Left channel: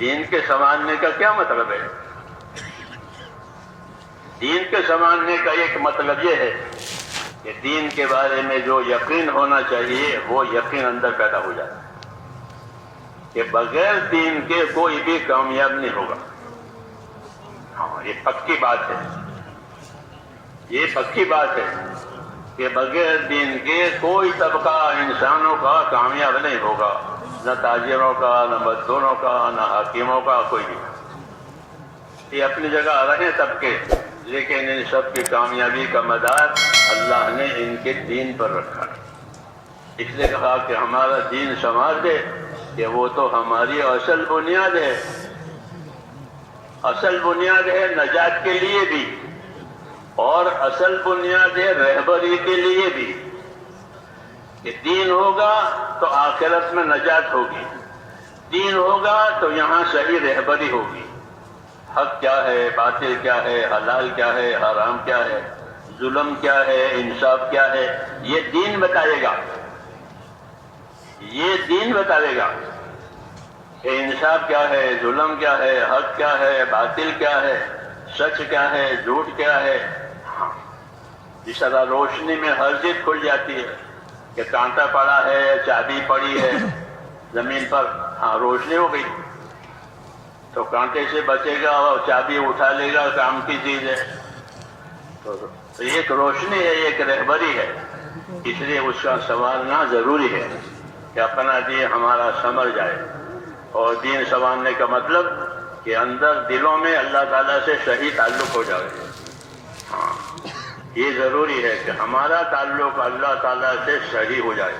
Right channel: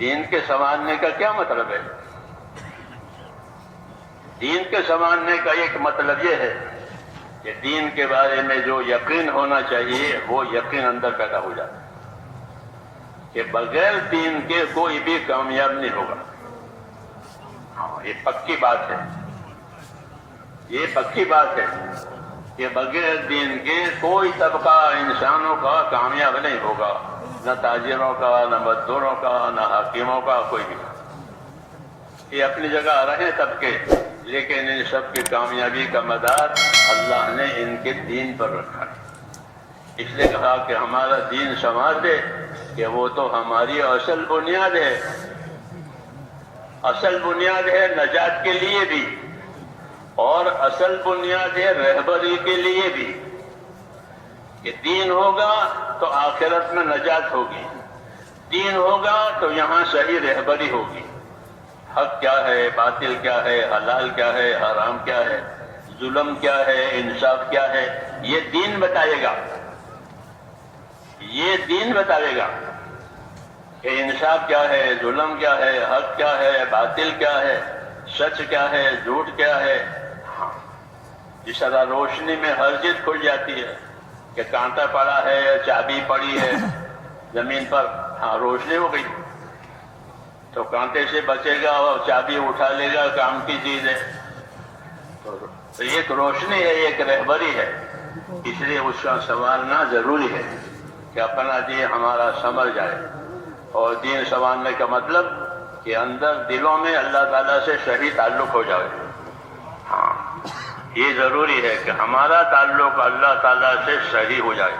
دین کے سنبھالنے کا کیا مطلب ہے؟ دین کے سنبھالنے کا ایک مطلب یہ ہے کہ دین کے بارے میں جو یقین ہونا چاہیے وہ یقین اندر پیدا ہو جاتا ہے کہ بغیر دین کے کوئی بھی کامیاب نہیں ہوگا. ہاں، یہ پکی بات ہے، یہ پکی بات ہے کہ بغیر دین کے کوئی طبقہ انسانوں کا کامیاب نہیں ہوگا، نہ تاجروں کا، نہ مزدوروں کا، نہ حاکموں کا، کوئی بھی. یہ اپنی جگہ رہے طبقے، لیکن ان سب کی کامیابی کا مدار اللہ نے ان کے دین پر رکھا. اس لیے کہا کہ ہمارا دین سنوار دے، کہ وہ تو ہماری اصل بنیاد ہے، اصل بنیاد ہے نجات کے لیے بھی، اور اصل بنیاد ہے رہبری کے لیے بھی. کہ دین ہوگا تو آخرت میں نجات ہوگی، دین ہوگا تو یہاں صحیح رہبری ہوگی. حق کیا ہے، باطل کیا ہے، حلال کیا ہے، حرام کیا ہے، ظلم کیا ہے، انصاف کیا ہے، یہ دین بتائے گا. یہ دین بتائے گا کہ انصاف کیا ہے، ظلم کیا ہے، حق کیا ہے، باطل کیا ہے، سچ کیا ہے، جھوٹ کیا ہے. ہاں، جس طرح روشنی میں ہر چیز کھل جاتی ہے کہ کانٹا پڑا ہے، چابی پڑی ہے زمین پر، ہاں روشنی ہو گئی، تو کانٹے سے بچے گا اور چابی اٹھا لے گا، کام کی چیز ہے. تو ایک روشنی ہے، ایک رہبری ہے. اس لیے اس کا سنوارنا ضروری ہے کہ اپنا دین ہمارا سنبھل جائے. اور دین سنوارنے کا مطلب کہ اندر دلوں میں اللہ تعالیٰ سے صحیح تعلق ہو جائے. ہاں، یہ ضروری ہے کہ ہمارا تعلق اللہ تعالیٰ سے صحیح ہو جائے.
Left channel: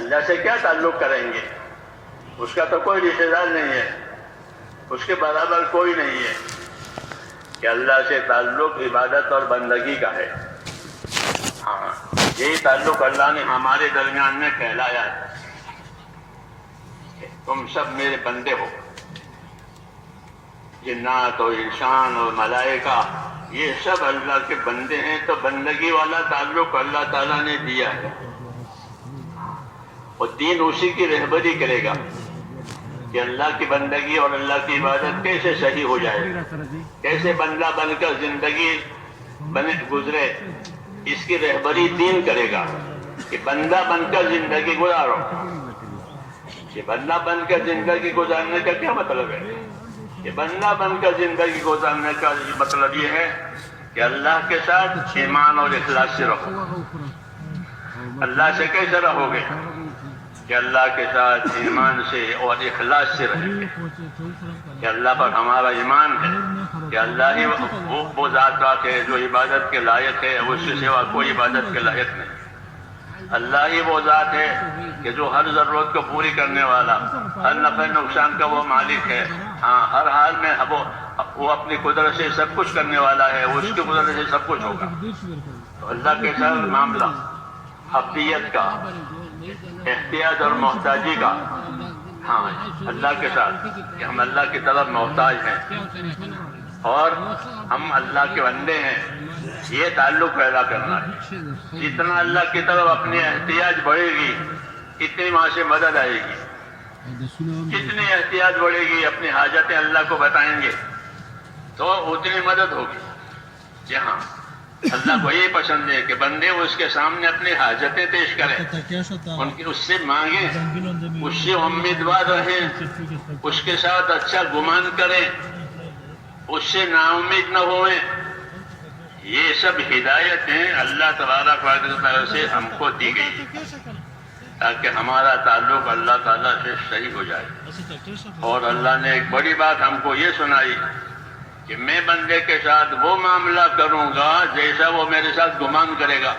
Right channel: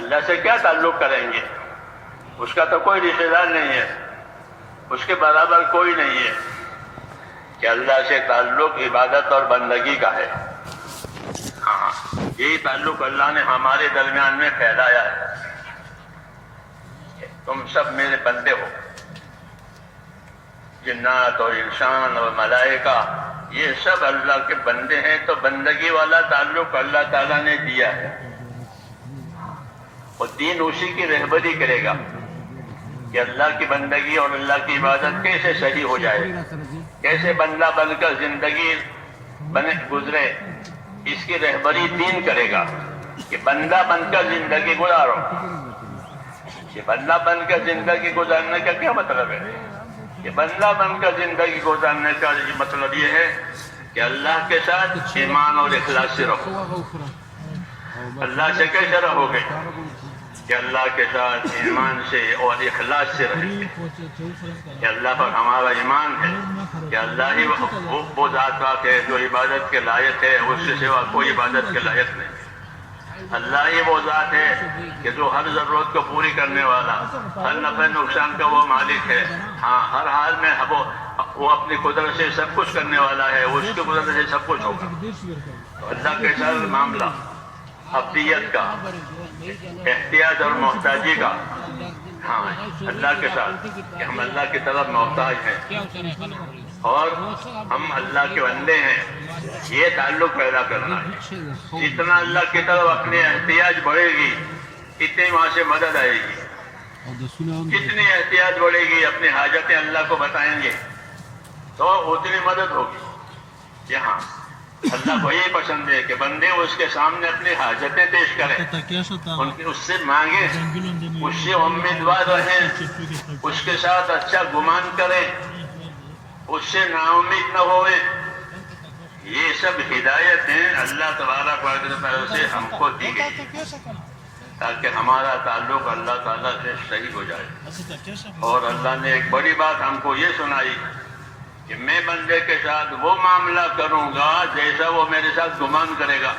اللہ سے کیا تعلق کریں گے؟ اس کا تو کوئی رشتہ دار نہیں ہے، اس کے برابر کوئی نہیں ہے. کہ اللہ سے تعلق عبادت اور بندگی کا ہے. ہاں، یہی تعلق اللہ نے ہمارے درمیان میں پھیلایا ہے. تم سب میرے بندے ہو، جنات اور انسان اور ملائکہ، یہ سب اللہ کے بندے ہیں. تو بندگی والا تعلق اللہ تعالیٰ نے دیا ہے، اور دین اسی کی رہبری کرے گا کہ اللہ کی بندگی اور اللہ کی عبادت کیسے صحیح ہو جائے، کیسے بندہ بن کر زندگی گزرے. اس کی رہبری دین کرے گا کہ بندہ بن کر زندگی گزارو. کہ بندہ بن کر زندگی گزارنے کا کیا مطلب ہے؟ کہ بندہ بن کر زندگی گزارنے کا مطلب یہ ہے کہ اللہ کے ساتھ ایمان اور اخلاص سے رہو. اللہ سے کیسے رہو گے؟ کہ اللہ کے ساتھ ایمان سے اور اخلاص سے رہیں گے. کہ اللہ پر ہمارا ایمان ہے کہ اللہ ہی وہ ذات ہے جو عبادت کے لائق ہے، اس سے سوا کوئی عبادت کے لائق نہیں. اللہ ہی وہ ذات ہے کہ جو ہر ضرورت کو پوری کرنے والا، ہر نفع نقصان کا وہ مالک ہے. ہاں، ہر حال میں وہ اپنی قدرت سے سب کچھ کرنے والا ہے، اس کی قدرت سے سب کچھ ہوگا. اللہ کے ساتھ معاملہ عبدیت کا، احتیاج اور محتاجی کا. ہاں، اللہ کے ساتھ کہ ہم اللہ کی طرف محتاج ہیں اور ہم اللہ کے بندے ہیں، یہ تعلق پیدا کرنا ہے. جتنا اللہ کی طرف اپنی احتیاج بڑھے گی اتنی وہاں سے مدد آئے گی. جتنی احتیاج بڑھے گی، اپنی حاجتیں اللہ کو بتائیں گے تو اتنی مدد ہوگی. یہاں اللہ کو یہ پسند ہے کہ بندے اس کے سامنے اپنی حاجتیں پیش کریں، اس سے مانگیں، اس سے امیدوار رہیں، اس کے ساتھ اچھا گمان کریں، اس سے نا امید نہ ہوئیں. یہ سب ہدایتیں اللہ تبارک و تعالیٰ سے ہم کو دی گئی تاکہ ہمارا تعلق اللہ تعالیٰ سے صحیح ہو جائے. اور اللہ نے ایک بڑی بات ہم کو یہ سنائی کہ میں بندے کے ساتھ وہ معاملہ کروں گا جیسا وہ میرے ساتھ گمان کرے گا.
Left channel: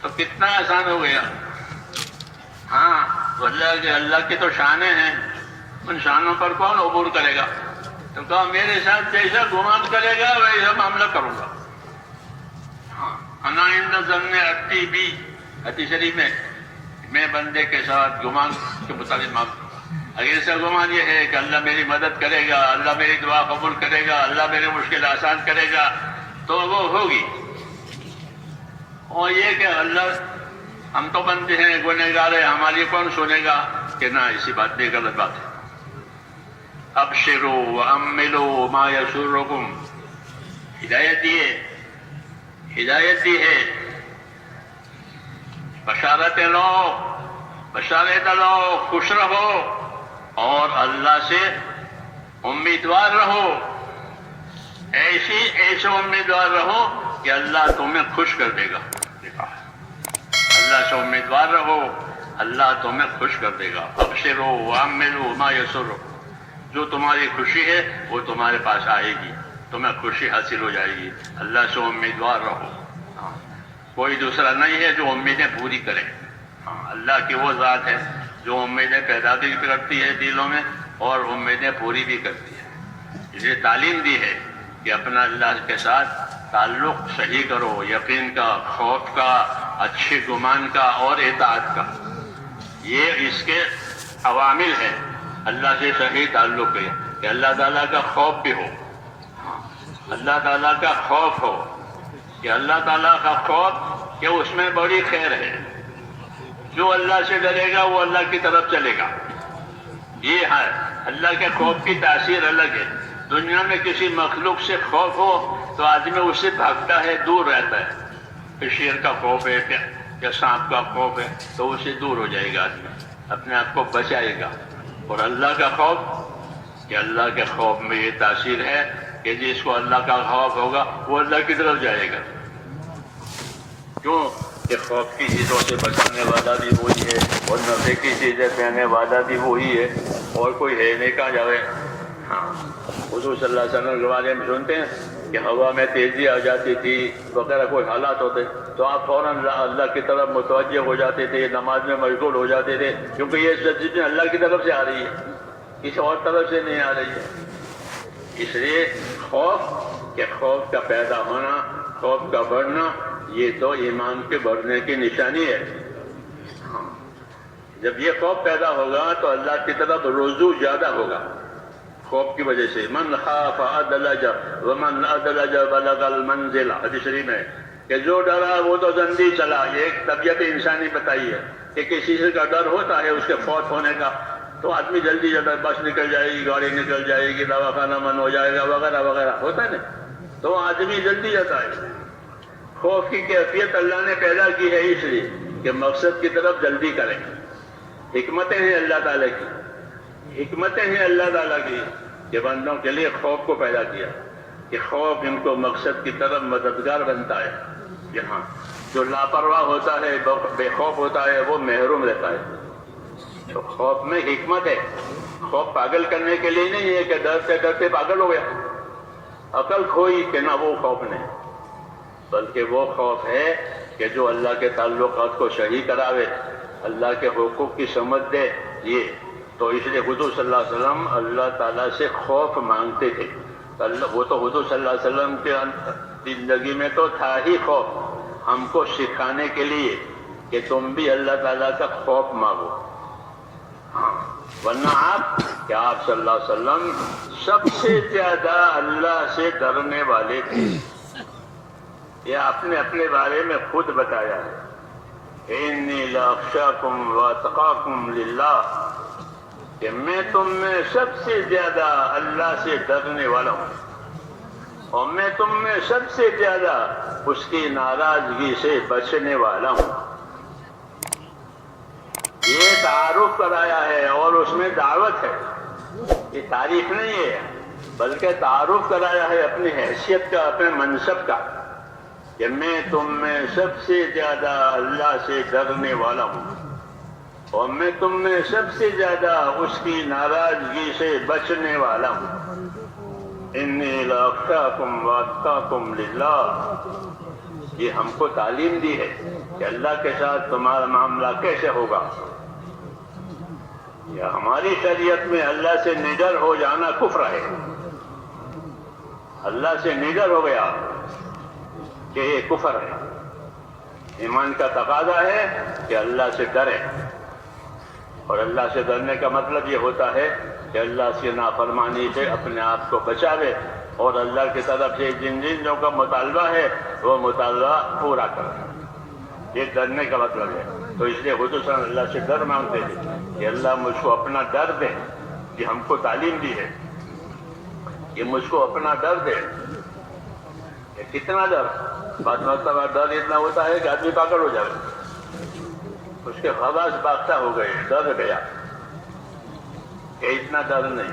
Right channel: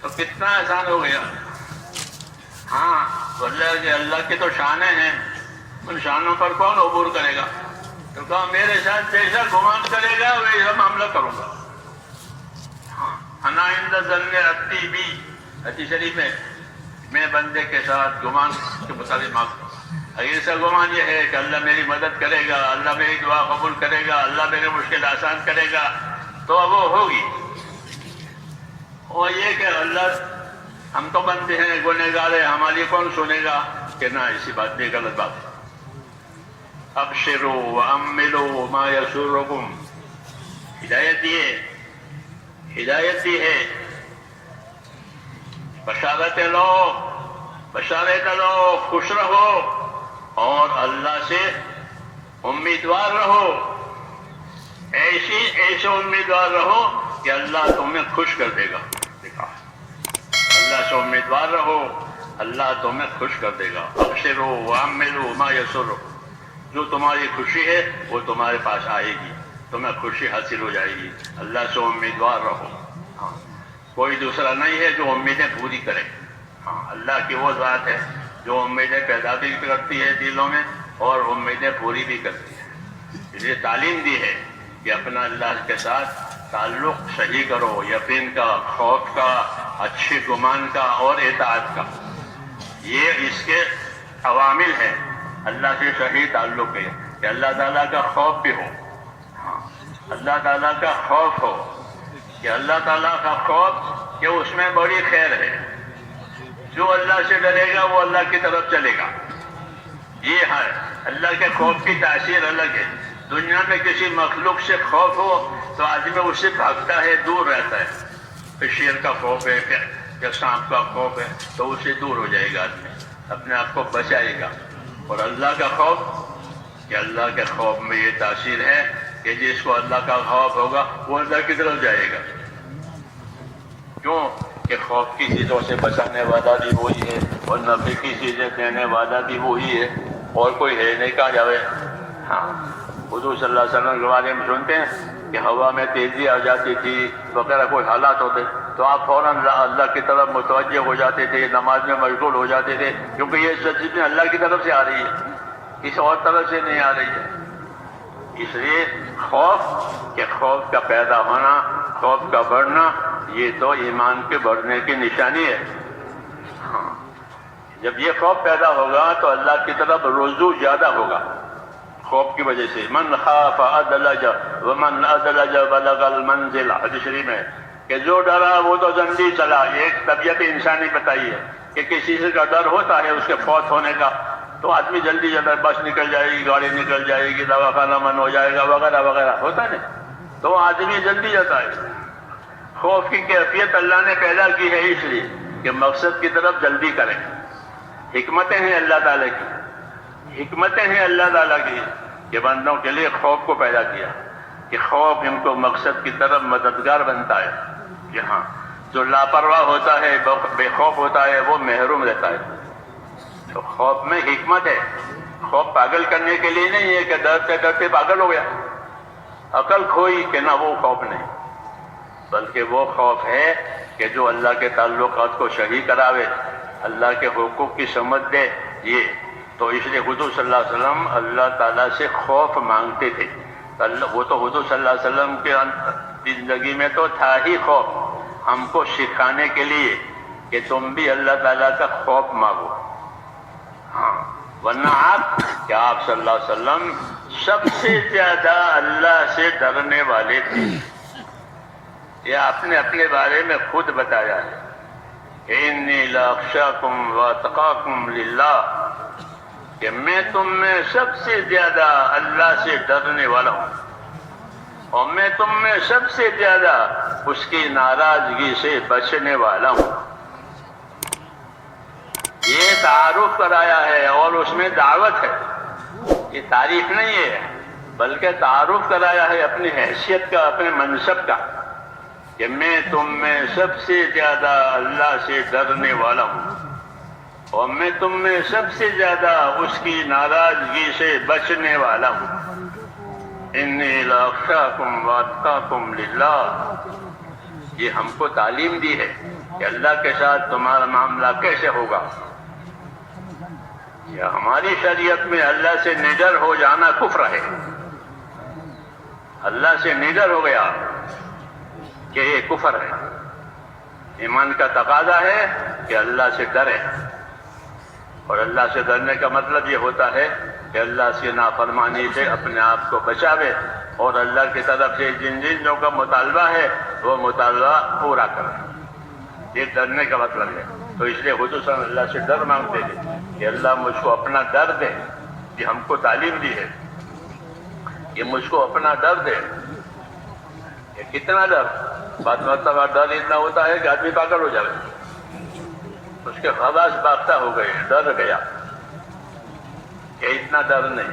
تو کتنا آسان ہو گیا. ہاں، اللہ کی تو شانیں ہیں، ان شانوں پر کون عبور کرے گا؟ تو کہا میرے ساتھ جیسا گمان کرے گا ویسا معاملہ کروں گا. ہاں، انا عند ظن عبدی بی، حدیث شریف میں بندے کے ساتھ گمان کے مطابق معاملہ. ایسا گمان یہ ہے کہ اللہ میری مدد کرے گا، اللہ میری دعا قبول کرے گا، اللہ میری مشکل آسان کرے گا تو وہ ہوگی. اور یہ کہ اللہ ہم تو بندے ہیں، گنہگار ہیں، ہماری کون سنے گا؟ کہ نہ، ایسی بات نہیں، غلط بات ہے. ابشروا واملوا ما یسرکم، ہدایت دی ہے، بشارت لو، خوش رہو اور اللہ سے امیدوار رہو، ایسے امیدوار رہو کہ اللہ تمہیں خوش کر دے گا۔ اللہ سے امیدوار رہو، اللہ تمہیں خوش کر دے گا۔ ابشروا واملوا ما یسرکم، جو تمہاری خوشی ہے وہ تمہارے پاس آئے گی، تمہیں خوشی حاصل ہو جائے گی۔ اللہ سے امیدوار رہو، کوئی دوسرا نہیں ہے جو امیدیں پوری کرے۔ اللہ کی وہ ذات ہے جو امیدیں پیدا بھی کرتی ہے دلوں میں اور امیدیں پوری بھی کرتی ہے۔ اس لیے تعلیم دی ہے کہ اپنا اللہ کے ساتھ تعلق صحیح کرو، یقین کا، خوف کا، اچھے گمان کا اور اطاعت کا، یہ اس کے عوامل ہیں۔ اللہ سے صحیح تعلق ہے کہ اللہ تعالیٰ کا خوف بھی ہو، اللہ تعالیٰ کا خوف ہو، کہ اللہ تعالیٰ کا خوف کہ اس میں بڑی خیر ہے۔ جو اللہ سے ڈرے گا وہ اللہ کی طرف چلے گا۔ یہ ہے اللہ کے خوف کی تاثیر الگ ہے۔ دنیا میں کسی مخلوق سے خوف ہو تو آدمی اس سے بھاگتا ہے، دور رہتا ہے۔ کہ شیر کا خوف ہے یا سانپ کا خوف ہے تو اس سے دور ہو جائے گا، آدمی اپنے آپ کو بچائے گا۔ اور اللہ کا خوف، کہ اللہ کے خوف میں یہ تاثیر ہے کہ جس کو اللہ کا خوف ہوگا وہ اللہ کی طرف جائے گا۔ کیوں کہ خوف کی چیزوں سے بچانے والا بھی وہی ہے اور نفع کی چیزیں دینے والا بھی وہی ہے، اور کوئی ہے نہیں کہا جاوے۔ حضور صلی اللہ علیہ وسلم کے بارے میں سنتے ہیں کہ ہوا میں تیزی آ جاتی تھی وغیرہ کوئی حالات ہوتے تو آپ فوراً اللہ کی طرف متوجہ ہو جاتے تھے، نماز میں مشغول ہو جاتے تھے، کیونکہ یہ سب چیزیں اللہ کی طرف سے آ رہی ہے، کسی اور طرف سے نہیں آ رہی ہے۔ اس لیے خوف کا پیدا ہونا، خوف کا بڑھنا، یہ تو ایمان کے بڑھنے کی نشانی ہے۔ جب یہ خوف پیدا ہوگا تو اللہ کی طرف رجوع زیادہ ہوگا، خوف کی وجہ سے۔ من خاف ادلج ومن ادلج بلغ المنزل، حدیث شریف میں کہ جو ڈرا وہ تو جلدی چلا۔ یہ ایک طبیعت انسانی بتائی ہے کہ کسی سے کا ڈر ہوتا ہے اس کے فوت ہونے کا تو آدمی جلدی بس نکل جائے گی، گاڑی نکل جائے گی، دواخانہ من ہو جائے گا وغیرہ وغیرہ، ہوتا ہے نا، تو آدمی جلدی جاتا ہے۔ خوف کی کیفیت اللہ نے پیدا کی ہے اس لیے کہ مقصد کی طرف جلدی کرے۔ حکمتیں ہیں اللہ تعالیٰ کی، حکمتیں ہیں اللہ تعالیٰ کی کہ بندوں کے لیے خوف کو پیدا کیا کہ خوف ان کو مقصد کی طرف مددگار بنتا ہے۔ کہ ہاں جو لاپرواہ ہوتا ہے، بے خوف ہوتا ہے، وہ محروم رہتا ہے۔ تو خوف میں حکمت ہے۔ خوف پاگل کرنے کے لیے نہیں ہے کہ ڈرتے ڈرتے پاگل ہو گیا، عقل کھوئی کہ نہ، وہ خوف نہیں، بلکہ وہ خوف ہے کہ جو اللہ کے تعلقات کو صحیح کراوے، اللہ کے حقوق کی سمجھ دے۔ یہ تو اس لیے حضور صلی اللہ علیہ وسلم اللہ تعالیٰ سے خوف مانگتے تھے۔ وہ تو حضور صلی اللہ علیہ وسلم کے زندگی میں تو تھا ہی خوف، ہم کو سکھانے کے لیے کہ تم بھی اللہ تعالیٰ کا خوف مانگو۔ ورنہ آپ صلی اللہ علیہ وسلم سب سے زیادہ اللہ سے ڈرنے والے تھے۔ یہ آپ نے اپنے بارے میں خود بتایا ہے، انی لاخشاکم واتقاکم للہ، کہ میں تم میں سب سے زیادہ اللہ سے ڈرنے والا ہوں اور میں تم میں سب سے زیادہ اس کی ناراضگی سے بچنے والا ہوں۔ یہ تعارف کرایا ہے اور اس میں دعوت ہے، یہ تعریف نہیں ہے بلکہ تعارف کرایا ہے اپنی حیثیت کا، اپنے منصب کا، کہ میں تم میں سب سے زیادہ اللہ سے ڈرنے والا ہوں اور میں تم میں سب سے زیادہ اس کی ناراضگی سے بچنے والا ہوں۔ انی لاخشاکم واتقاکم للہ، یہ ہم کو تعلیم دی ہے کہ اللہ کے ساتھ تمہارا معاملہ کیسے ہوگا۔ یا ہماری شریعت میں اللہ سے نڈر ہو جانا کفر ہے، اللہ سے نڈر ہو گیا کہ یہ کفر ہے۔ ایمان کا تقاضا ہے کہ اللہ سے ڈرے، اور اللہ سے ڈرنے کا مطلب یہ ہوتا ہے کہ اللہ کی نافرمانی سے اپنے آپ کو بچاوے اور اللہ کی طرف سے جن چیزوں کا مطالبہ ہے وہ مطالبہ پورا کرے۔ یہ ڈرنے کا مطلب ہے۔ تو اس لیے حضور اللہ سے ڈر مانگتے تھے کہ اللہ مجھ کو اپنا ڈر دے، یہ ہم کو تعلیم دی ہے۔ یہ مجھ کو اپنا ڈر دے. یہ کتنا ڈر؟ بات مطلب ڈر اتنا ہوتا ہے کہ آدمی پاگل ہو جائے. اس کے حواس باختہ ہو گئے, ڈر گیا. کہ اتنا ڈر نہیں.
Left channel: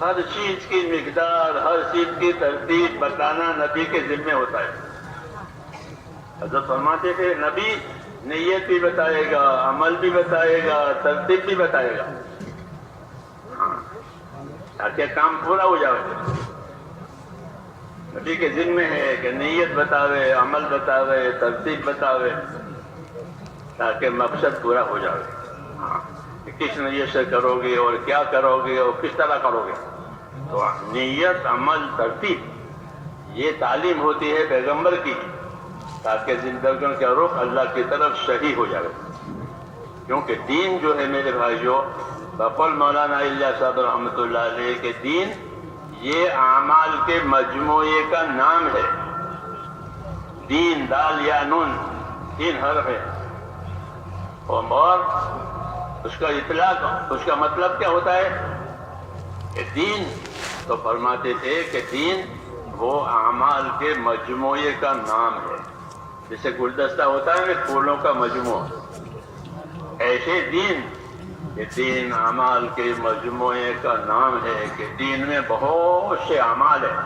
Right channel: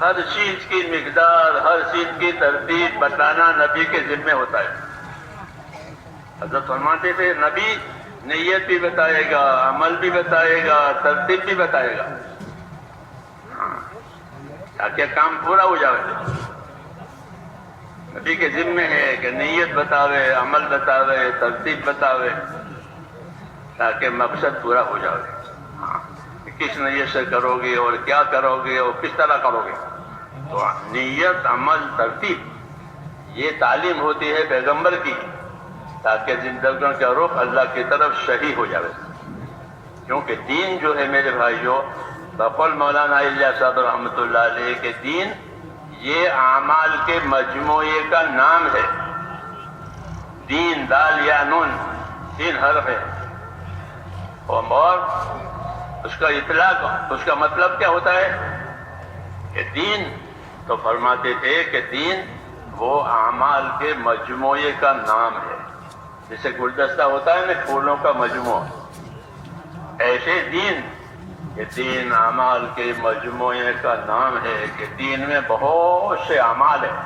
ہر چیز کی مقدار, ہر چیز کی ترتیب بتانا نبی کے ذمہ ہوتا ہے. حضرت فرماتے تھے نبی نیت بھی بتائے گا, عمل بھی بتائے گا, ترتیب بھی بتائے گا, تاکہ کام پورا ہو جائے. نبی کے ذمہ ہے کہ نیت بتاوے, عمل بتاوے, ترتیب بتاوے, تاکہ مقصد پورا ہو جائے. کہ کس نیت سے کرو گے اور کیا کرو گے اور کس طرح کرو گے. تو نیت, عمل, ترتیب یہ تعلیم ہوتی ہے پیغمبر کی, تاکہ زندگیوں کا رخ اللہ کی طرف صحیح ہو جائے. کیونکہ دین جو ہے میرے بھائیوں, بقول مولانا الیاس صاحب رحمۃ اللہ علیہ کے دین یہ اعمال کے مجموعے کا نام ہے. دین دال یا نون 3 حرف ہے. اور اس کا اطلاق, اس کا مطلب کیا ہوتا ہے کہ دین, تو فرماتے تھے کہ دین وہ اعمال کے مجموعے کا نام ہے. جیسے گلدستہ ہوتا ہے نا پھولوں کا مجموعہ, ایسے دین, یہ دین اعمال کے مجموعے کا نام ہے. کہ دین میں بہت سے اعمال ہیں.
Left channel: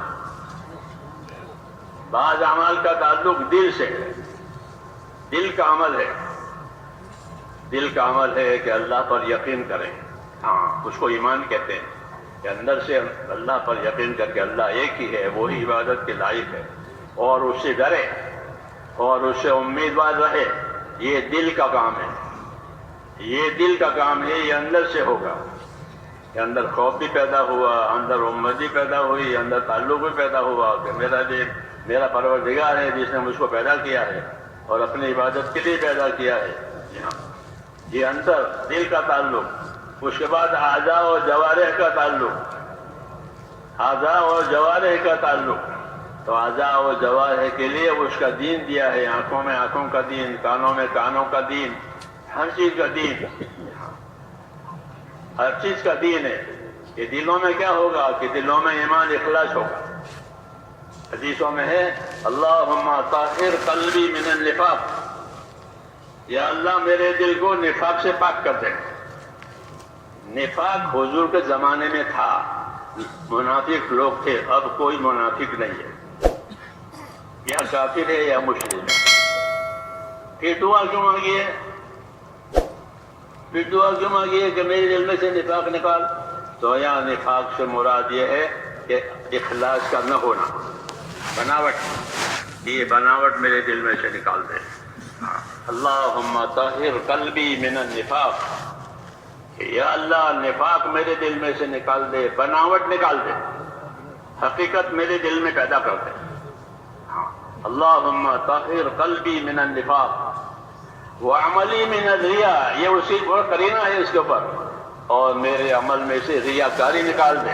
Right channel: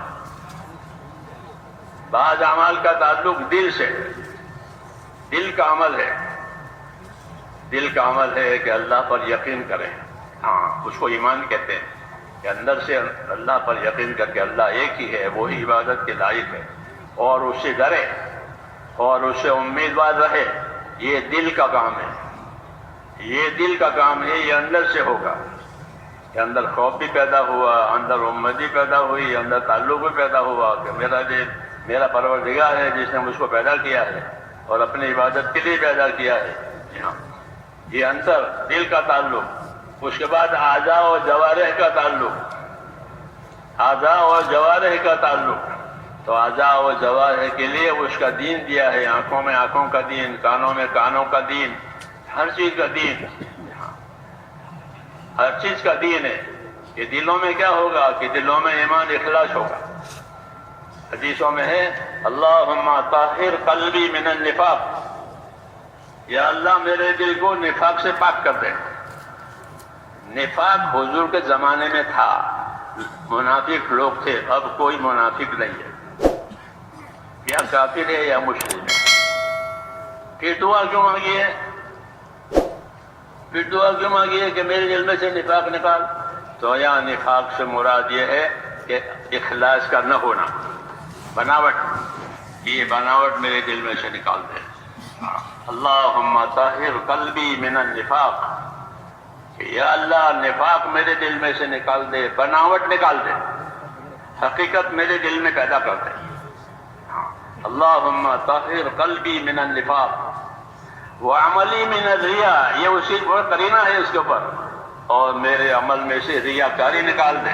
بعض اعمال کا تعلق دل سے ہے, دل کا عمل ہے. دل کا عمل ہے کہ اللہ پر یقین کریں, اس کو ایمان کہتے ہیں. کہ اندر سے اللہ پر یقین کر کے اللہ ایک ہی ہے, وہی عبادت کے لائق ہے, اور اس سے ڈرے اور اس سے امیدوار رہے. یہ دل کا کام ہے, یہ دل کا کام ہے. یہ اندر سے ہوگا. کہ اندر خوف بھی پیدا ہوا, اندر امید بھی پیدا ہوئی, اندر تعلق بھی پیدا ہوا کہ میرا پروردگار ہے جس نے مجھ کو پیدا کیا ہے اور اپنی عبادت کے لیے پیدا کیا ہے. یہ اندر دل کا تعلق. اس کے بعد اعضاء اور جوارح کا تعلق, اعضاء اور جوارح کا تعلق. تو اعضاء اور جوارح کے لیے اس کا دین دیا ہے. آنکھوں میں آنکھوں کا دین, کانوں میں کانوں کا دین, ہر چیز کا دین, ہر چیز کا دین ہے. کہ دلوں میں کیا ہوگا کہ دلوں میں ایمان اخلاص ہوگا. حدیثوں میں ہے اللہم طہر قلبی من النفاق, یا اللہ میرے دل کو نفاق سے پاک کر دے. نفاق حضور کے زمانے میں تھا, منافق لوگ تھے. اب کوئی منافق نہیں ہے, یا کافر ہے یا مشرک ہے. پھر دعا کیوں مانگی ہے؟ پھر دعا کیوں مانگی ہے کہ میرے دل میں سے نفاق نکال؟ تو یہاں نفاق سے مراد یہ ہے کہ اخلاص کا نہ ہونا, بناوٹ. یہ بناوٹ میرے دل میں سے نکال دے. اللہم طہر قلبی من النفاق, یا اللہ نفاق میرے دل میں سے نکال دے, بناوٹ نکال دے, حقیقت میرے دل میں پیدا کر دے. اللہم طہر قلبی من النفاق وعملی من الریا, یہ اسی پر قرینہ ہے اس کے اوپر. اور میرے عمل میں سے ریاکاری نکال دے.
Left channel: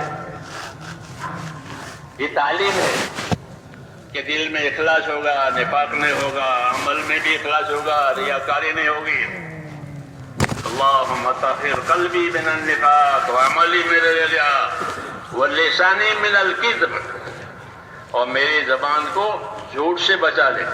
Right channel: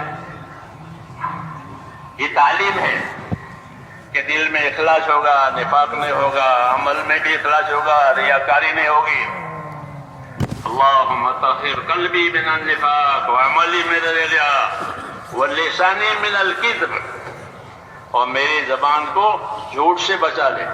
یہ تعلیم ہے کہ دل میں اخلاص ہوگا, نفاق نہیں ہوگا, عمل میں بھی اخلاص ہوگا, ریاکاری نہیں ہوگی. اللہم طہر قلبی من النفاق وعملی من الریا ولسانی من الکذب, اور میری زبان کو جھوٹ سے بچا لے.